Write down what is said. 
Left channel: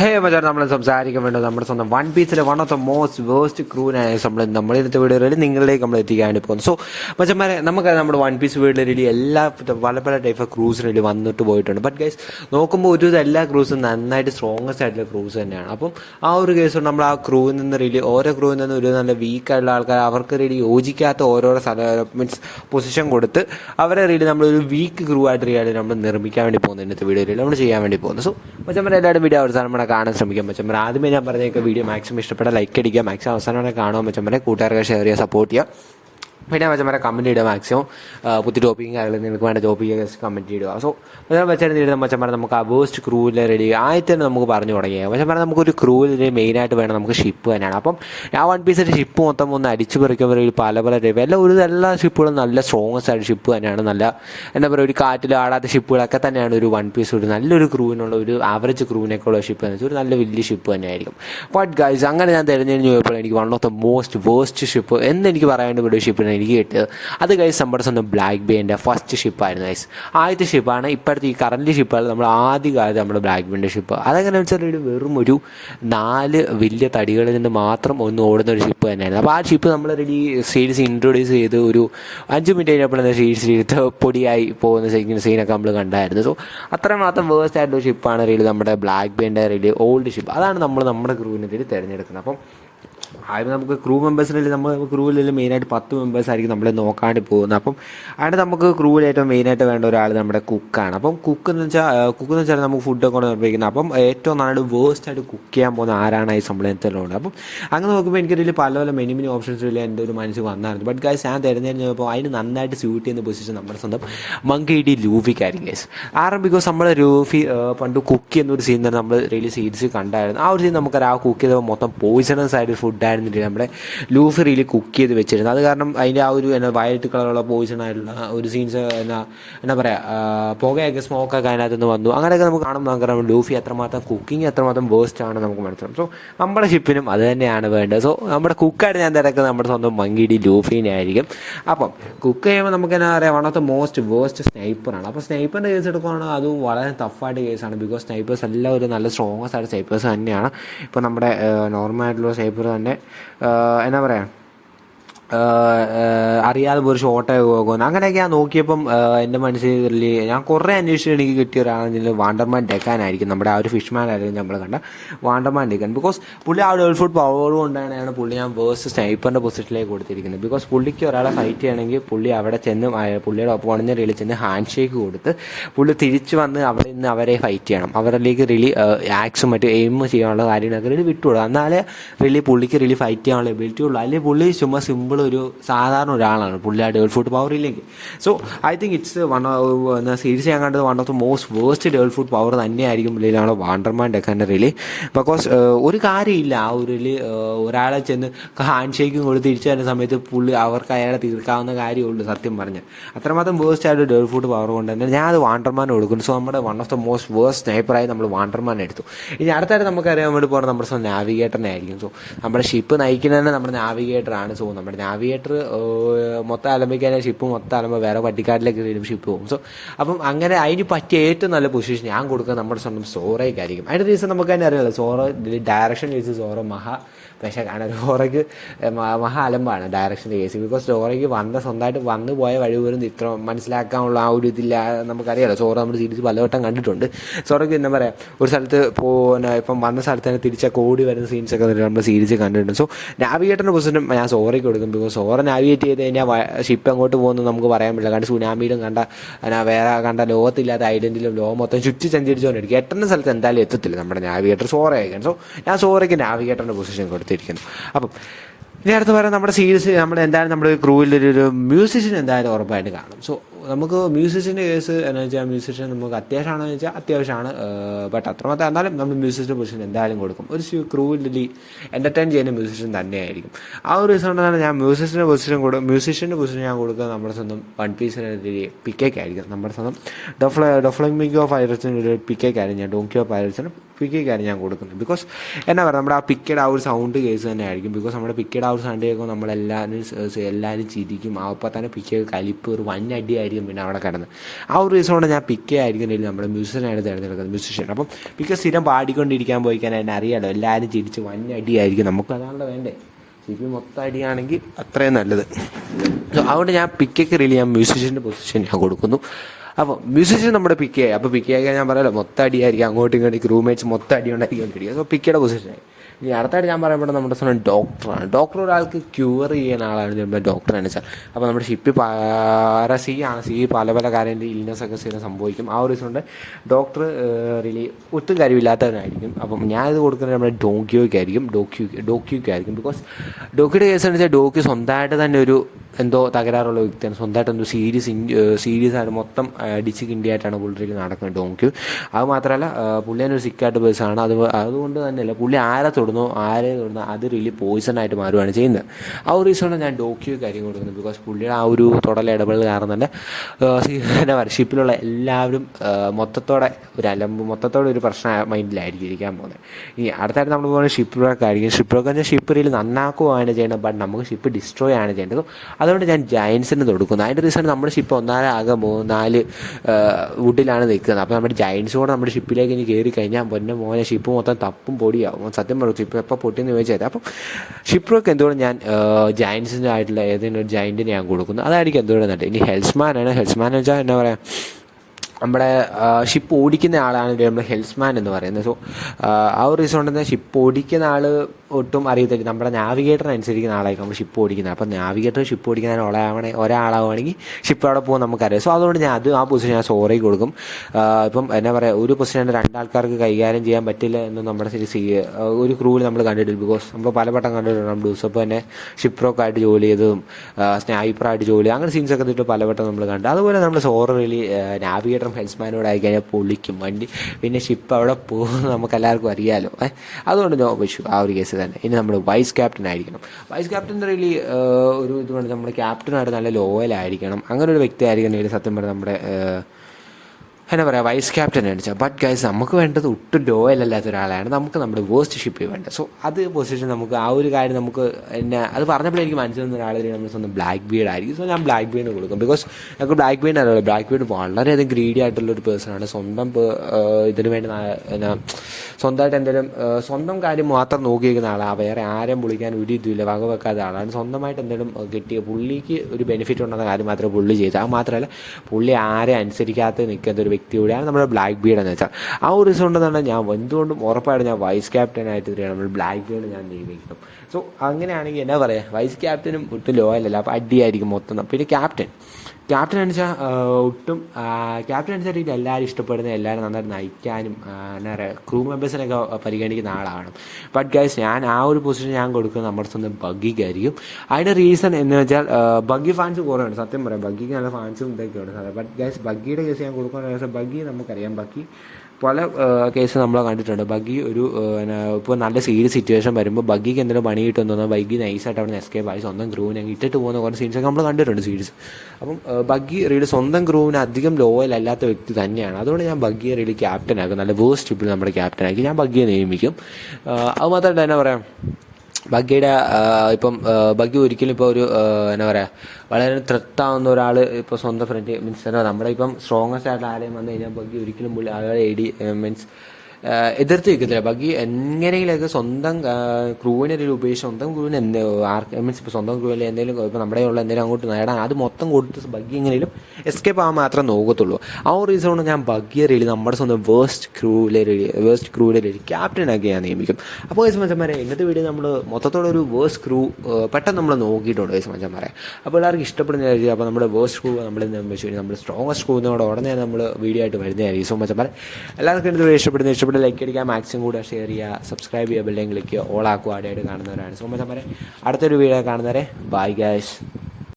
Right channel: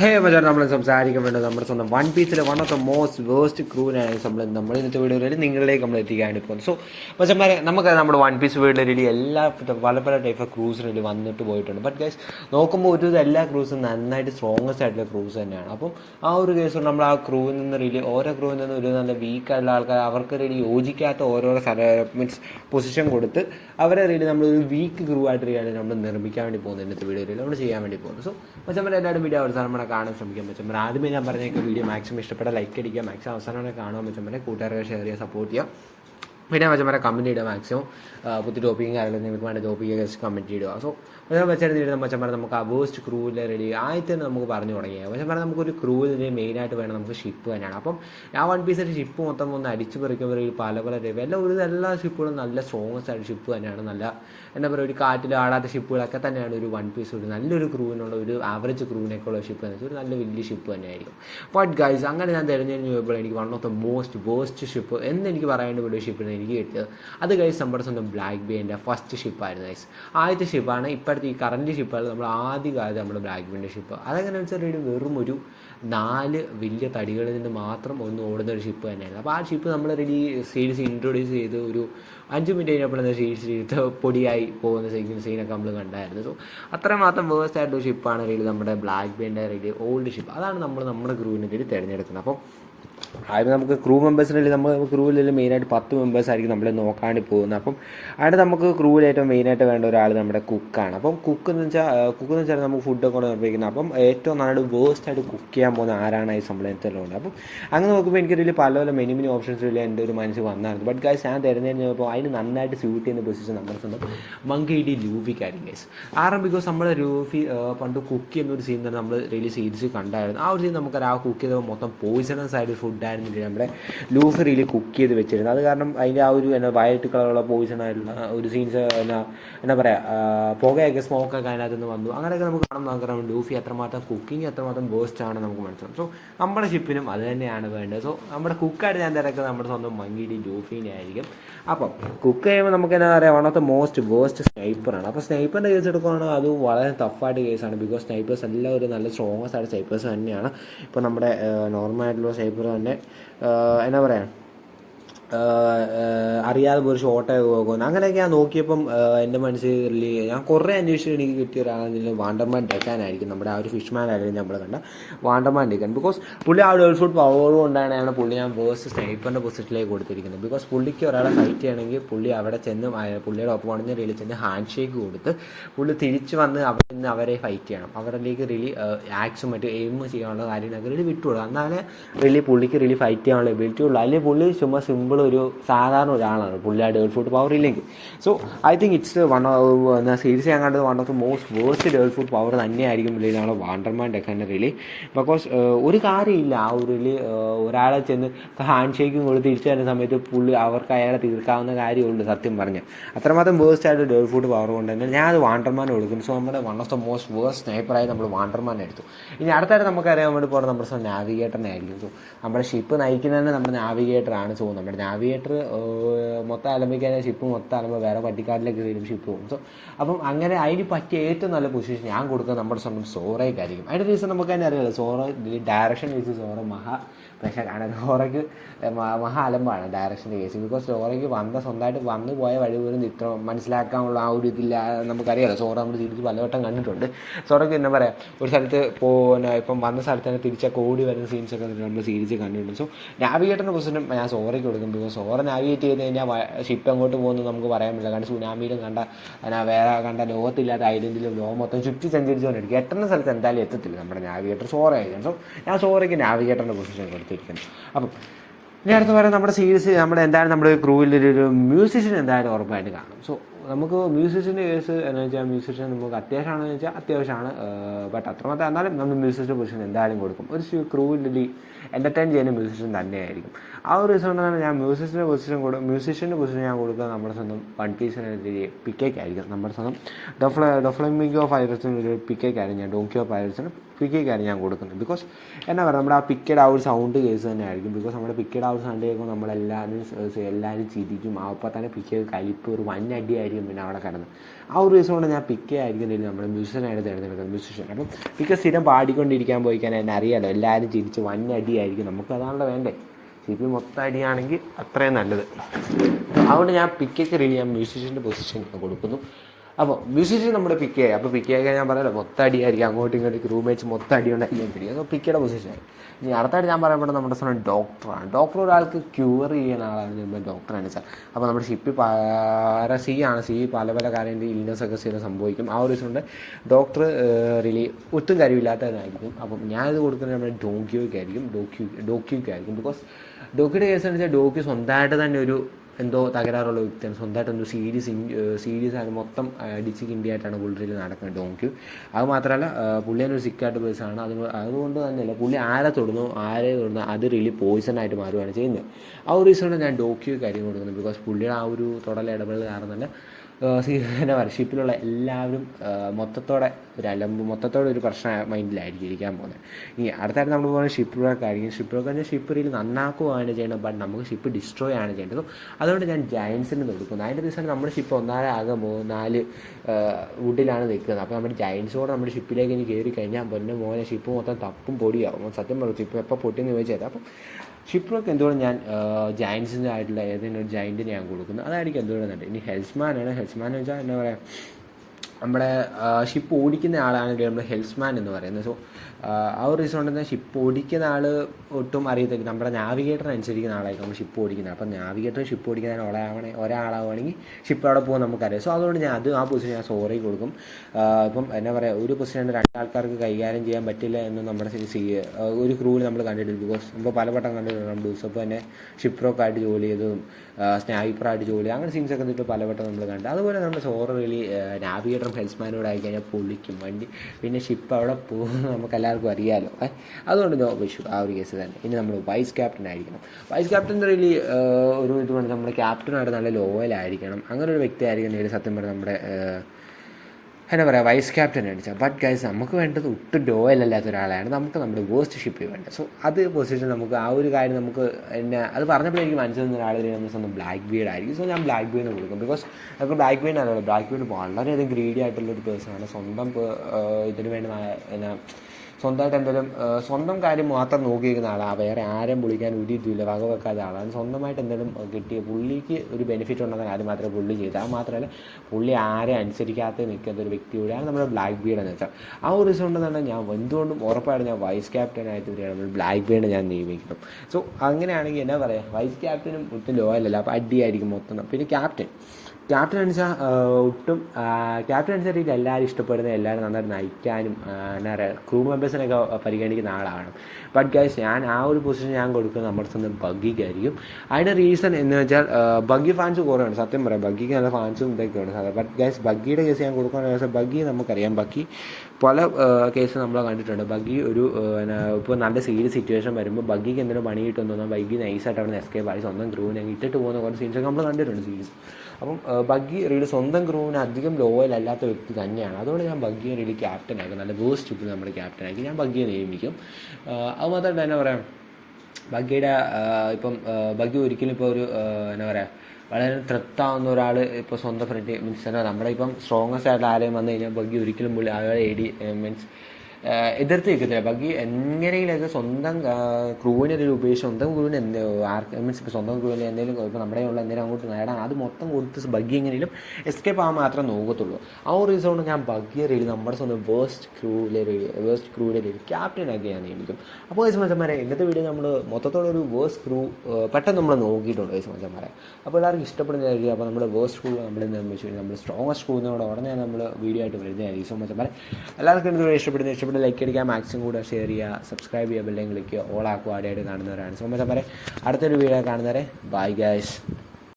ഹേ മച്ചാൻ, നമ്മൾ സംസാരിക്കാൻ വേണ്ടത് നമ്മുടെ സ്വന്തം വൺ പീസിലെ one of the most waste ക്രൂവിനായ നമ്മൾ ഇന്നത്തെ വീഡിയോയിൽ നിങ്ങളിലേക്ക് നമ്മൾ എത്തിക്കാൻ വേണ്ടി പോകുന്നത്. സോ മച്ചന്മാരെ, നമുക്കറിയാം നമ്മുടെ വൺ പീസ് വീഡിയോ റെഡി എല്ലാ പല പല ടൈപ്പ് ഓഫ് ക്രൂസ് റെഡി വന്നിട്ട് പോയിട്ടുണ്ട്. ബട്ട് ഗൈസ് നോക്കുമ്പോൾ എല്ലാ ക്രൂസും നന്നായിട്ട് സ്ട്രോങ്ങസ്റ്റ് ആയിട്ടുള്ള ക്രൂസ് തന്നെയാണ്. അപ്പം ആ ഒരു കേസ് നമ്മൾ ആ ക്രൂവിൽ നിന്ന് റെഡി ഓരോ ക്രൂവിൽ നിന്ന് ഒരു നല്ല വീക്കായിട്ടുള്ള ആൾക്കാർ അവർക്ക് റെഡി യോജിക്കാത്ത ഓരോരോ മീൻസ് പൊസിഷൻ കൊടുത്ത് അവരെ റെഡി നമ്മളൊരു വീക്ക് ക്രൂ ആയിട്ട് റെഡി നമ്മൾ നിർമ്മിക്കാൻ വേണ്ടി പോകുന്നത് ഇന്നത്തെ വീഡിയോയിൽ നമ്മൾ ചെയ്യാൻ വേണ്ടി പോകുന്നത്. സോ മച്ചന്മാരെ, എല്ലാവരും വീഡിയോ അവസാനം കാണാൻ ശ്രമിക്കാം. മച്ചന്മാർ ആദ്യമേ ഞാൻ പറഞ്ഞേക്കാം, വീഡിയോ മാക്സിമം ഇഷ്ടപ്പെട്ട ലൈക്ക് അടിക്കുക, മാക്സിമം അവസാനം കാണുക, മച്ചന്മാരെ കൂട്ടുകാർക്ക് ഷെയർ ചെയ്യുക, സപ്പോർട്ട് ചെയ്യുക. പിന്നെ മച്ചന്മാരെ കമൻറ്റ് ചെയ്യുക, മാക്സിമം പുതിയ ടോപ്പിക്കും കാര്യങ്ങളും നിങ്ങൾക്ക് വേണ്ട ടോപ്പിക്ക് കമൻറ്റ് ചെയ്യുക. സോ വെച്ചാൽ മച്ചന്മാരെ നമുക്ക് ആ വേസ്റ്റ് ക്രൂവിൽ റെഡി ആയിട്ട് തന്നെ നമുക്ക് പറഞ്ഞു തുടങ്ങിയത്. മച്ചന്മാരെ നമുക്കൊരു ക്രൂവിൽ മെയിനായിട്ട് വേണം നമുക്ക് ഷിപ്പ് തന്നെയാണ്. അപ്പം ഞാൻ വൺ പീസിൻ്റെ ഷിപ്പ് മൊത്തം ഒന്ന് അടിച്ചു പറിക്കുമ്പോൾ പല പല ടൈപ്പ് എല്ലാ ഷിപ്പുകളും നല്ല സ്ട്രോങ്ങസ്റ്റ് ആയിട്ട് ഷിപ്പ് തന്നെയാണ്. നല്ല എന്താ പറയുക, ഒരു കാറ്റിൽ ആടാത്ത ഷിപ്പുകളൊക്കെ തന്നെയാണ് ഒരു വൺ പീസ് ഒരു നല്ലൊരു ക്രൂവിനുള്ള ഒരു ആവറേജ് ക്രൂവിനേക്കുള്ള ഷിപ്പ് എന്ന് വെച്ചാൽ ഒരു നല്ല വലിയ ഷിപ്പ് തന്നെയായിരിക്കും. ബട്ട് ഗൈസ്, അങ്ങനെ ഞാൻ തിരഞ്ഞെടുത്ത് പോയപ്പോൾ എനിക്ക് one of the most waste ship എന്ന് എനിക്ക് പറയാണ്ട് ഒരു ഷിപ്പിന് എനിക്ക് കിട്ടിയത് അത് ഗൈസ് നമ്മുടെ സ്വന്തം ബ്ലാക്ക് ബേൻ്റെ ഫസ്റ്റ് ഷിപ്പായിരുന്നു ഗൈസ്. ആദ്യത്തെ ഷിപ്പാണ് ഇപ്പോഴത്തെ ഈ കറൻറ്റ് ഷിപ്പാണ് നമ്മൾ ആദ്യ കാലത്ത് നമ്മുടെ ബ്ലാക്ക് ബേൻ്റെ ഷിപ്പ്. അതെങ്ങനെ വെച്ചാൽ വെറും ഒരു 4 വലിയ തടികളിൽ നിന്ന് മാത്രം ഒന്ന് ഓടുന്ന ഒരു ഷിപ്പ് തന്നെയായിരുന്നു. അപ്പോൾ ആ ഷിപ്പ് നമ്മൾ റെഡി സീരീസ് ഇൻട്രൊഡ്യൂസ് ചെയ്ത് ഒരു 5 മിനിറ്റ് കഴിഞ്ഞപ്പോൾ തന്നെ സീരീസ് പൊടിയായി പോകുന്ന സീനൊക്കെ നമ്മൾ കണ്ടായിരുന്നു. സോ അത്രയും മാത്രം വേസ്റ്റ് ആയിട്ടുള്ള ഷിപ്പാണ് റെഡി നമ്മുടെ ബ്ലാക്ക് ബേൻ്റെ റെഡി ഓൾഡ് ഷിപ്പ്. അതാണ് നമ്മൾ നമ്മുടെ ക്രൂവിന് ഇതിൽ തിരഞ്ഞെടുക്കുന്നത്. അപ്പം ആദ്യം നമുക്ക് ക്രൂ മെമ്പേഴ്സിനിൽ നമ്മൾ ക്രൂവിൽ മെയിനായിട്ട് 10 മെമ്പേഴ്സായിരിക്കും നമ്മളെ നോക്കാണ്ടി പോകുന്നത്. അപ്പം അവിടെ നമുക്ക് ക്രൂവിൽ ഏറ്റവും മെയിനായിട്ട് വേണ്ട ഒരാൾ നമ്മുടെ കുക്കാണ്. അപ്പം കുക്കെന്ന് വെച്ചാൽ നമുക്ക് ഫുഡൊക്കെ കൊണ്ട് നിർമ്മിക്കുന്നത്. അപ്പം ഏറ്റവും നന്നായിട്ട് വേസ്റ്റായിട്ട് കുക്ക് ചെയ്യാൻ പോകുന്ന ആരാണ് ഈ സംബന്ധത്തിലുണ്ട്. അപ്പം അങ്ങനെ നോക്കുമ്പോൾ എനിക്കിതിൽ പല പല മെനി ഓപ്ഷൻസിൽ എൻ്റെ ഒരു മനസ്സിൽ വന്നായിരുന്നു. ബട്ട് ഗൈസ്, ഞാൻ തിരഞ്ഞെടുപ്പോൾ അതിന് നന്നായിട്ട് സ്യൂട്ട് ചെയ്യുന്ന പൊസിഷൻ നമ്മുടെ സ്വന്തം മങ്കി ഡി ലൂഫിക്കായിരിക്കും ഗൈസ്. കാരണം ബിക്കോസ് നമ്മുടെ ലൂഫി പണ്ട് കുക്ക് ചെയ്യുന്ന ഒരു സീൻ തന്നെ നമ്മൾ റിയലി സീരീസ് കണ്ടായിരുന്നു. ആ ഒരു സീൻ നമുക്കറിയാം, ആ കുക്ക് ചെയ്തപ്പോൾ മൊത്തം പോയിസണസ് ആയിട്ട് ഫുഡായിരുന്നില്ല നമ്മുടെ ലൂഫി റിയലി കുക്ക് ചെയ്ത് വെച്ചിരുന്നത്. അത് കാരണം അതിൻ്റെ ആ ഒരു വയലറ്റ് കളറുള്ള പോയിസൺ ആയിട്ടുള്ള ഒരു സീൻസ് എന്താ പറയുക, പുകയൊക്കെ സ്മോക്കൊക്കെ അതിനകത്തുനിന്ന് വന്നു. അങ്ങനെയൊക്കെ നമുക്ക് കാണുമ്പോൾ നമുക്കറിയാം ലൂഫി എത്രമാത്രം കുക്കിംഗ് എത്രമാത്രം വേസ്റ്റ് ആണ് നമുക്ക് മനസ്സിലാവും. സോ നമ്മുടെ ഷിപ്പിനും അത് തന്നെയാണ് വേണ്ടത്. സോ നമ്മുടെ കുക്കായിട്ട് ഞാൻ തിരക്കുന്നത് നമ്മുടെ സ്വന്തം മങ്കി ഡി ലൂഫീനെ ആയിരിക്കും. അപ്പം കുക്ക് ചെയ്യുമ്പോൾ നമുക്ക് എന്താ പറയുക, one of the most waste സ്നൈപ്പറാണ്. അപ്പോൾ സ്നൈപ്പറിൻ്റെ കേസ് എടുക്കുകയാണെങ്കിൽ അത് വളരെ ടഫായിട്ട് കേസാണ്. ബിക്കോസ് സ്നൈപ്പേഴ്സ് എല്ലാം ഒരു നല്ല സ്ട്രോങ്ങസ്റ്റ് ആയിട്ട് സ്നൈപ്പേഴ്സ് തന്നെയാണ്. ഇപ്പോൾ നമ്മുടെ നോർമലായിട്ടുള്ള സ്നൈപ്പർ തന്നെ എന്താ പറയുക, അറിയാതെ ഒരു ഷോട്ടായി പോകുന്നു. അങ്ങനെയൊക്കെ ഞാൻ നോക്കിയപ്പം എൻ്റെ മനസ്സിൽ ഞാൻ കുറേ അന്വേഷിച്ചിട്ട് എനിക്ക് കിട്ടിയ ഒരാളെങ്കിൽ വാണ്ടർമാൻ ഡെക്കാനായിരിക്കും. നമ്മുടെ ആ ഒരു ഫിഷ്മാൻ ആയിരിക്കും നമ്മൾ കണ്ട വാണ്ടർമാൻ ഡെക്കാൻ. ബിക്കോസ് പുള്ളി ആ ഒരു ഫുഡ് പവർ കൊണ്ടാണ് പുള്ളി ഞാൻ വേഴ്സ് സ്നൈപ്പറിൻ്റെ പൊസിഷനിലേക്ക് കൊടുത്തിരിക്കുന്നത്. ബിക്കോസ് പുള്ളിക്ക് ഒരാളെ ഫൈറ്റ് ചെയ്യണമെങ്കിൽ പുള്ളി അവിടെ ചെന്ന് പുള്ളിയുടെ ഒപ്പമാണെന്ന് റിലി ചെന്ന് ഹാൻഡ് ഷേക്ക് കൊടുത്ത് പുള്ളി തിരിച്ച് വന്ന് അവിടെ നിന്ന് അവരെ ഫൈറ്റ് ചെയ്യണം. അവരിലേക്ക് റിലി ആക്സും മറ്റും എയിം ചെയ്യാനുള്ള കാര്യങ്ങളൊക്കെ റിലി വിട്ടുകൊടുക്കും. എന്നാലേ റിലി പുള്ളിക്ക് റിലി ഫൈറ്റ് ചെയ്യാനുള്ള എബിലിറ്റി ഉള്ളൂ. അല്ലെങ്കിൽ പുള്ളി ചുമ്മാ സിമ്പിൾ ഒരു സാധാരണ ഒരാളാണ് പുള്ളി ആ ഡേൾ ഫുഡ് പവർ ഇല്ലെങ്കിൽ. So I think it's series ചെയ്യാൻ കണ്ടത് one of the most waste ഡേൾ ഫുഡ് പവർ തന്നെയായിരിക്കും റിലാണ് വാണ്ടർമാൻ ഡെക്കാൻ്റെ റിലി. ബിക്കോസ് ഒരു കാര്യമില്ല ആ ഒരു ഒരാളെ ചെന്ന് ഹാൻഡ് ഷേക്കും കൊടുത്ത് തിരിച്ചു വരുന്ന സമയത്ത് പുള്ളി അവർക്ക് അയാളെ തീർക്കാവുന്ന കാര്യമുള്ളൂ സത്യം പറഞ്ഞാൽ. അത്രമാത്രം വേസ്റ്റ് ആയിട്ട് ഡേൾ ഫുഡ് പവർ കൊണ്ട് തന്നെ ഞാനത് വാണ്ടർമാൻ കൊടുക്കുന്നു. സോ നമ്മുടെ one of the most waste സ്നൈപ്പറായി നമ്മൾ വാണ്ടർമാൻ എടുത്തു. ഇനി അടുത്തായിട്ട് നമുക്കറിയാൻ വേണ്ടി പോകുന്നത് നമ്മുടെ സ്വന്തം നാവിഗേറ്ററിനെ ആയിരിക്കും. സോ നമ്മുടെ ഷിപ്പ് നയിക്കുന്നത് തന്നെ നമ്മുടെ നാവിഗേറ്ററാണ്. സോ നമ്മുടെ നാവിഗേറ്റർ മൊത്തം അലമ്പിക്കാനും ഷിപ്പ് മൊത്തം അലമ്പ് വേറെ പട്ടിക്കാട്ടിലേക്ക് കയറും ഷിപ്പ് പോകും. സോ അപ്പം അങ്ങനെ അതിന് പറ്റിയ ഏറ്റവും നല്ല പൊസിഷൻ ഞാൻ കൊടുക്കുന്നത് നമ്മുടെ സ്വന്തം സോറയ്ക്കായിരിക്കും. അതിൻ്റെ റീസൺ നമുക്ക് തന്നെ അറിയില്ല. സോറ ഡയറക്ഷൻ വെച്ച് സോറ പക്ഷേ കാരണം ലോറയ്ക്ക് അലമ്പാണ് ഡയറക്ഷൻ്റെ കേസ്. ബിക്കോസ് ലോറയ്ക്ക് സ്വന്തമായിട്ട് വന്നു പോയ വഴി പോലും ഇത്ര മനസ്സിലാക്കാനുള്ള ആ ഒരു ഇതില്ല. നമുക്കറിയാലോ, സോറ നമ്മൾ സീരീസ് പലവട്ടം കണ്ടിട്ടുണ്ട്. സോറയ്ക്ക് എന്താ പറയുക, ഒരു സ്ഥലത്ത് ഇപ്പം വന്ന സ്ഥലത്ത് തന്നെ തിരിച്ച കോടി വരുന്ന സീൻസൊക്കെ നമ്മൾ സീരീസ് കണ്ടിട്ടുണ്ട്. സോ നാവിഗേറ്ററിൻ്റെ പൊസിഷനും ഞാൻ സോറയ്ക്ക് കൊടുക്കും. ബിക്കോസ് സോറ നാവിഗേറ്റ് ചെയ്ത് കഴിഞ്ഞാൽ ഷിപ്പ് എങ്ങോട്ട് പോകുന്നത് നമുക്ക് പറയാൻ പറ്റില്ല. കാരണം സുനാമിയിലും വേറെ കണ്ട ലോകത്തില്ലാത്ത ഐഡൻറ്റിലും ലോകം മൊത്തം ചുറ്റി സഞ്ചരിച്ചുകൊണ്ടിരിക്കും. എട്ടുന്ന സ്ഥലത്ത് എന്തായാലും എത്തത്തില്ല നമ്മുടെ നാവിഗേറ്റർ സോറ ആയിരിക്കും. സോ ഞാൻ സോറയ്ക്ക് നാവിഗേറ്ററിൻ്റെ പൊസിഷൻ കൊടുത്തിരിക്കുന്നു. അപ്പം ഇനി അടുത്ത് പറയാം, നമ്മുടെ സീരീസ് എന്തായാലും നമ്മുടെ ക്രൂവിലൊരു മ്യൂസിഷ്യൻ എന്തായാലും ഉറപ്പായിട്ട് കാണും. സോ നമുക്ക് മ്യൂസിഷ്യൻ്റെ കേസ് എന്ന് വെച്ചാൽ മ്യൂസിഷ്യൻ നമുക്ക് അത്യാവശ്യമാണെന്ന് വെച്ചാൽ അത്യാവശ്യമാണ്. ബട്ട് അത്രമാത്രം എന്നാലും നമ്മൾ മ്യൂസിഷ്യൻ്റെ പൊസിഷൻ എന്തായാലും കൊടുക്കും. ഒരു ക്രൂവിൽ എൻ്റർടൈൻ ചെയ്യുന്ന മ്യൂസിഷ്യൻ തന്നെയായിരിക്കും. ആ ഒരു റീസൺ കൊണ്ടാണ് ഞാൻ മ്യൂസിഷ്യൻ്റെ പൊസിഷൻ ഞാൻ കൊടുക്കുക നമ്മുടെ സ്വന്തം വൺ പീസിന് പിക്കേക്കായിരിക്കും. നമ്മുടെ സ്വന്തം ഡൊഫ്ലമിംഗോ പൈററ്റ്സിന് ഒരു പിക്കേക്കായിരുന്നു ഞാൻ ഡോങ്കി ഓഫ് പൈററ്റ്സിന് പിക്കയ്ക്കാണ് ഞാൻ കൊടുക്കുന്നത്. ബിക്കോസ് എന്നാ പറയുക, നമ്മുടെ ആ പിക്കയുടെ ആ ഒരു സൗണ്ട് കേസ് തന്നെ ആയിരിക്കും. ബിക്കോസ് നമ്മുടെ പിക്കയുടെ ആ ഒരു സൗണ്ട് കേൾക്കുമ്പോൾ എല്ലാവരും ചിരിക്കും. അപ്പോൾ തന്നെ പിക്കയ്ക്ക് കലിപ്പ് ഒരു വൻ അടിയായിരിക്കും പിന്നെ അവിടെ കിടന്ന്. ആ ഒരു റീസൺ കൊണ്ട് ഞാൻ പിക്ക ആയിരിക്കും നമ്മുടെ മ്യൂസിഷ്യനായിട്ട് തിരഞ്ഞെടുക്കുന്നത്, മ്യൂസിഷ്യൻ. അപ്പം പിക്ക സ്ഥിരം പാടിക്കൊണ്ടിരിക്കാൻ പോയിക്കാൻ എന്നെ അറിയാമല്ലോ, എല്ലാവരും ചിരിച്ച് വൻ അടിയായിരിക്കും. നമുക്ക് അതാണല്ലോ വേണ്ടേ, സിപി മൊത്തം അടിയാണെങ്കിൽ അത്രയും നല്ലത്. സോ അതുകൊണ്ട് ഞാൻ പിക്കയ്ക്ക് ഞാൻ മ്യൂസിഷ്യൻ്റെ പൊസിഷൻ ഞാൻ കൊടുക്കുന്നു. അപ്പോൾ മ്യൂസിഷ്യൻ നമ്മുടെ പിക്കയായി. അപ്പോൾ പിക്കയൊക്കെ ഞാൻ പറയാമല്ലോ മൊത്തം അടിയായിരിക്കും, അങ്ങോട്ടും ഇങ്ങോട്ടും റൂംമേറ്റ്സ് മൊത്തം അടി ഉണ്ടായിരിക്കും പിടിക്കുക. അപ്പോൾ പിക്കയുടെ പൊസിഷനായി. ഇനി അടുത്തായിട്ട് ഞാൻ പറയപ്പെടുന്നത് നമ്മുടെ സ്വന്തം ഡോക്ടറാണ്. ഡോക്ടർ ഒരാൾക്ക് ക്യൂർ ചെയ്യുന്ന ആളാണ് നമ്മുടെ ഡോക്ടറാണ് വെച്ചാൽ. അപ്പോൾ നമ്മുടെ ഷിപ്പ് സി പല പല കാര്യത്തിൽ ഇൽനെസ്സൊക്കെ സംഭവിക്കും. ആ ഒരു ദിവസം കൊണ്ട് ഡോക്ടർ റിയലി ഒട്ടും കാര്യമില്ലാത്തവനായിരിക്കും. അപ്പം ഞാനിത് കൊടുക്കുന്നത് നമ്മുടെ ഡോക്യുക്കായിരിക്കും. ബിക്കോസ് ഡോക്യുടെ കേസ് എന്ന് വെച്ചാൽ ഡോക്യു സ്വന്തമായിട്ട് തന്നെ ഒരു എന്തോ തകരാറുള്ള വ്യക്തിയാണ്. സ്വന്തമായിട്ട് എന്തോ സീരിയസ് ആയിട്ട് മൊത്തം അടിച്ച് കിണ്ടിയായിട്ടാണ് പുള്ളിക്ക് നടക്കുന്നത് ഡോങ്ക്യു. അത് മാത്രമല്ല പുള്ളിയൊരു സിക്കായിട്ട് പേഴ്സാണ്. അതുകൊണ്ട് തന്നെയല്ല പുള്ളി ആരെ തൊടുന്നോ അത് റിയലി പോയിസണായിട്ട് മാറുകയാണ് ചെയ്യുന്നത്. ആ ഒരു റീസണാണ് ഞാൻ ഡോക്യു കാര്യം കൊടുക്കുന്നത്. ബിക്കോസ് പുള്ളിയുടെ ആ ഒരു തുടല ഇടപെടൽ കാരണം തന്നെ എന്താ പറയുക, ഷിപ്പിലുള്ള എല്ലാവരും മൊത്തത്തോടെ ഒരു പ്രശ്ന മൈൻഡിലായിരിക്കും ഇരിക്കാൻ പോകുന്നത്. ഇനി അടുത്തായിട്ട് നമ്മൾ പോകുന്നത് ഷിപ്പ് ബ്രോക്ക് ആയിരിക്കും. ഷിപ്പ് ബ്രോക്ക് വെച്ചാൽ ഷിപ്പ് റിയൽ നന്നാക്കുകയാണ് ചെയ്യുന്നത്, ബട്ട് നമുക്ക് ഷിപ്പ് ഡിസ്ട്രോയ് ആണ് ചെയ്യേണ്ടത്. അതുകൊണ്ട് ഞാൻ ജയൻസിന് കൊടുക്കുന്നു. അതിൻ്റെ റീസൺ നമ്മുടെ ഷിപ്പ് ആകെ 4 വുഡിലാണ് നിൽക്കുന്നത്. അപ്പോൾ നമ്മുടെ ജയൻസ് കൂടെ നമ്മുടെ ഷിപ്പിലേക്ക് ഇനി കയറി കഴിഞ്ഞാൽ മോനെ ഷിപ്പ് മൊത്തം തപ്പും പൊടിയാവും. സത്യം പറഞ്ഞു, ഷിപ്പ് എപ്പോൾ പൊട്ടിയെന്ന് ചോദിച്ചാൽ. അപ്പം ഷിപ്പ് റോക്ക് എന്തുകൊണ്ട് ഞാൻ ജയൻസിൻ്റെ ആയിട്ടുള്ള ഏതെങ്കിലും ഒരു ജയൻറ്റിന് ഞാൻ കൊടുക്കുന്നു. അതായിരിക്കും എന്തുകൊണ്ട് നല്ലത്. ഇനി ഹെൽസ്മാൻ എന്ന് വെച്ചാൽ എന്നാ പറയുക, നമ്മുടെ ഷിപ്പ് ഓടിക്കുന്ന ആളാണ് നമ്മുടെ ഹെൽസ്മാൻ എന്ന് പറയുന്നത്. സോ ആ ഒരു റീസൺ കൊണ്ട് തന്നെ ഷിപ്പ് ഓടിക്കുന്ന ആൾ ഒട്ടും അറിയത്തില്ല. നമ്മുടെ നാവിഗേറ്റർ അനുസരിക്കുന്ന ആളായിരിക്കും നമ്മൾ ഷിപ്പ് ഓടിക്കുന്നത്. അപ്പം നാവിഗേറ്റർ ഷിപ്പ് ഓടിക്കുന്ന ഒരാളാവുകയാണെങ്കിൽ ഷിപ്പ് അവിടെ പോകും നമുക്കറിയാം. സോ അതുകൊണ്ട് ഞാൻ ആ പൊസിഷൻ ഞാൻ സോറി കൊടുക്കും. ഇപ്പം എന്നാ പറയുക, ഒരു പൊസിഷനിൽ 2 ആൾക്കാർക്ക് കൈകാര്യം ചെയ്യാൻ പറ്റില്ല എന്ന് നമ്മുടെ ഒരു ക്രൂവിൽ നമ്മൾ കണ്ടിട്ടില്ല. ബിക്കോസ് നമ്മൾ പലവട്ടം കണ്ടിട്ടുണ്ട്. നമ്മൾ ഡൂസപ്പ് തന്നെ ഷിപ്പ് റോക്കായിട്ട് ജോലി ചെയ്തതും സ്നൈപ്പറായിട്ട് ജോലി ചെയ്ത് അങ്ങനെ സീൻസൊക്കെ എന്നിട്ട് പലവട്ടം നമ്മൾ കണ്ടു. അതുപോലെ നമ്മൾ സോറി നാവിഗേറ്റർ ഹെൽസ്മാനോട് ആയിക്കഴിഞ്ഞാൽ പൊളിക്കും വണ്ടി, പിന്നെ ഷിപ്പ് അവിടെ പോകുന്നത് നമുക്ക് എല്ലാവർക്കും അറിയാമല്ലോ. അതുകൊണ്ട് നോ ഇഷ്യൂ ആ ഒരു കേസ് തന്നെ. ഇനി നമ്മൾ വൈസ് ക്യാപ്റ്റൻ ആയിരിക്കണം. വൈസ് ക്യാപ്റ്റൻ റിയലി ഒരു ഇതുകൊണ്ട് നമ്മുടെ ക്യാപ്റ്റനായിട്ട് നല്ല ലോയലായിരിക്കണം. അങ്ങനെ ഒരു വ്യക്തി ആയിരിക്കണം സത്യം പറഞ്ഞാൽ നമ്മുടെ എന്നാ പറയുക വൈസ് ക്യാപ്റ്റൻ അടിച്ചാൽ. ബട്ട് ഗൈസ് നമുക്ക് വേണ്ടത് ഒട്ടും ലോയലല്ലാത്ത ഒരാളാണ് നമുക്ക് നമ്മുടെ വേസ്റ്റ് ഷിപ്പിൽ വേണ്ടത്. സോ അത് പൊസിഷൻ നമുക്ക് ആ ഒരു കാര്യം നമുക്ക് അത് പറഞ്ഞപ്പോൾ എനിക്ക് മനസ്സിലാകുന്ന ഒരാൾ നമ്മൾ സ്വന്തം ബ്ലാക്ക് ബീഡ് ആയിരിക്കും. സോ ഞാൻ ബ്ലാക്ക് ബീഡിന് കൊടുക്കും. ബിക്കോസ് നമുക്ക് ബ്ലാക്ക് ബീഡ് അറിയാമല്ലോ, ബ്ലാക്ക് ബീഡ് വളരെയധികം ഗ്രീഡി ആയിട്ടുള്ളൊരു പേഴ്സണാണ്. സ്വന്തം ഇതിന് വേണ്ടി സ്വന്തമായിട്ട് എന്തെങ്കിലും സ്വന്തം കാര്യം മാത്രം നോക്കിയിരിക്കുന്ന ആളാണ്. വേറെ ആരും വിളിക്കാൻ ഒരു ഇതുമില്ല, വകവെക്കാത്ത ആളാണ്. സ്വന്തമായിട്ട് എന്തെങ്കിലും കിട്ടിയ പുള്ളിക്ക് ഒരു ബെനിഫിറ്റ് ഉണ്ടെന്ന കാര്യം മാത്രമേ പുള്ളി ചെയ്തത്. അത് മാത്രമല്ല പുള്ളി ആരെ അനുസരിക്കാത്ത നിൽക്കുന്ന ഒരു വ്യക്തിയോടെയാണ് നമ്മുടെ ബ്ലാക്ക് ബീഡ് എന്ന് വെച്ചാൽ. ആ ഒരു റിസോണ്ട് തന്നെ ഞാൻ എന്തുകൊണ്ടും ഉറപ്പായിട്ട് ഞാൻ വൈസ് ക്യാപ്റ്റനായിട്ട് നമ്മൾ ബ്ലാക്ക് ബീഡ് ഞാൻ നിയമിക്കണം. സോ അങ്ങനെയാണെങ്കിൽ എന്നാ പറയുക, വൈസ് ക്യാപ്റ്റനും ഒട്ടും ലോയലല്ല, അപ്പോൾ അടിയായിരിക്കും മൊത്തം. പിന്നെ ക്യാപ്റ്റൻ അടിച്ചാൽ ഒട്ടും ക്യാപ്റ്റൻ അടിച്ചാൽ എല്ലാവരും ഇഷ്ടപ്പെടുന്ന, എല്ലാവരും നന്നായിട്ട് നയിക്കാനും എന്നാ പറയുക ക്രൂ മെമ്പേഴ്സിനൊക്കെ പരിഗണിക്കുന്ന ആളാണ്. ബട്ട് ഗൈസ് ഞാൻ ആ ഒരു പൊസിഷൻ ഞാൻ കൊടുക്കുന്നത് നമ്മുടെ സ്വന്തം ബഗ്ഗിക്കായിരിക്കും. അതിൻ്റെ റീസൺ എന്ന് വെച്ചാൽ ബഗ്ഗി ഫാൻസ് കുറവാണ്. സത്യം പറയാം, ബഗ്ഗിക്ക് നല്ല ഫാൻസും ഇതൊക്കെയാണ്. ബട്ട് ഗൈസ് ബഗ്ഗിയുടെ കേസ് ഞാൻ കൊടുക്കുന്ന ബഗ്ഗി നമുക്കറിയാം, ബഗ്ഗി പല കേസ് നമ്മൾ കണ്ടിട്ടുണ്ട്. ബഗ്ഗി ഇപ്പോൾ നല്ല സീരിയസ് സിറ്റുവേഷൻ വരുമ്പോൾ ബഗ്ഗിക്ക് എന്തെങ്കിലും പണി കിട്ടുമെന്ന് തോന്നുന്നത് ബഗ്ഗി നൈസായിട്ട് അവിടെ നിന്ന് എസ്കേപ്പ് ആയി സ്വന്തം ക്രൂവിനെ ഇട്ടിട്ട് പോകുന്ന കുറച്ച് സീൻസൊക്കെ നമ്മൾ കണ്ടിട്ടുണ്ട് സീരീസ്. അപ്പം ബഗ്ഗി റിയലി സ്വന്തം ക്രൂവിന് അധികം ലോയൽ അല്ലാത്ത വ്യക്തി തന്നെയാണ്. അതുകൊണ്ട് ഞാൻ ബഗ്ഗിയെ റിയലി ക്യാപ്റ്റനാക്കും. നല്ല വേസ്റ്റ് ഷിപ്പിൽ നമ്മുടെ ക്യാപ്റ്റനാക്കി ഞാൻ ബഗ്ഗിയെ നിയമിക്കും. അത് മാത്രമല്ല എന്നാ പറയാം, ബഗ്ഗിയുടെ ബഗ്ഗി ഒരിക്കലും ഇപ്പോൾ ഒരു എന്നാ പറയുക വളരെ ത്രെത്താവുന്ന ഒരാൾ ഇപ്പോൾ സ്വന്തം ഫ്രണ്ട് മീൻസ് നമ്മുടെ ഇപ്പം സ്ട്രോങ്ങസ്റ്റ് ആയിട്ട് ആരെയും വന്നു കഴിഞ്ഞാൽ ബഗ്ഗി ഒരിക്കലും അയാളെ മീൻസ് എതിർത്ത് നിൽക്കത്തില്ല. ബഗ്ഗി എങ്ങനെയൊക്കെ സ്വന്തം ക്രൂവിനെ ഒരു ഉപയോഗിച്ച് സ്വന്തം ക്രൂവിന് മീൻസ് ഇപ്പോൾ സ്വന്തം ക്രൂവിൽ എന്തെങ്കിലും ഇപ്പോൾ നമ്മുടെ ഉള്ള എന്തെങ്കിലും അങ്ങോട്ട് നേടാൻ അത് മൊത്തം കൊടുത്ത് ബഗ്ഗി എങ്ങനെയും എസ്കേപ്പ് ആകാൻ മാത്രം നോക്കത്തുള്ളൂ. ആ ഒരു റീസൺ കൊണ്ട് ഞാൻ ബഗ്ഗിയെ റെഡി നമ്മുടെ സ്വന്തം വേസ്റ്റ് ക്രൂവിലെ റെഡി ക്യാപ്റ്റനാക്കി ഞാൻ നിയമിക്കും. അപ്പോൾ വയസ്സ് മച്ചന്മാരെ ഇന്നത്തെ വീഡിയോ നമ്മൾ മൊത്തത്തോടെ ഒരു വേസ്റ്റ് ക്രൂ പെട്ടെന്ന് നമ്മൾ നോക്കിയിട്ടുണ്ട് വയസ്സ് മച്ചന്മാരെ. അപ്പോൾ എല്ലാവർക്കും ഇഷ്ടപ്പെടുന്ന കാര്യം അപ്പോൾ നമ്മുടെ വേസ്റ്റ് ക്രൂ നമ്മൾ സ്ട്രോങ്ങസ്റ്റ് ക്രൂവിനോട് ഉടനെ നമ്മൾ വീഡിയോ ആയിട്ട് വരുന്നതായിരിക്കും. സോ മച്ചന്മാരെ എല്ലാവർക്കും ഇന്നത്തെ വീഡിയോ ഇഷ്ടപ്പെടുന്ന ലൈക്ക് അടിക്കുക, മാക്സിമം കൂടെ ഷെയർ ചെയ്യുക, സബ്സ്ക്രൈബ് ചെയ്യുക, ബെല്ലിലേക്ക് ഓൾ ആക്കുക, ആദ്യമായിട്ട് കാണുന്നവരാണ്. സോ മച്ചന്മാരെ അടുത്തൊരു വീഡിയോ കാണുന്നവരെ ബൈ ഗൈസ്.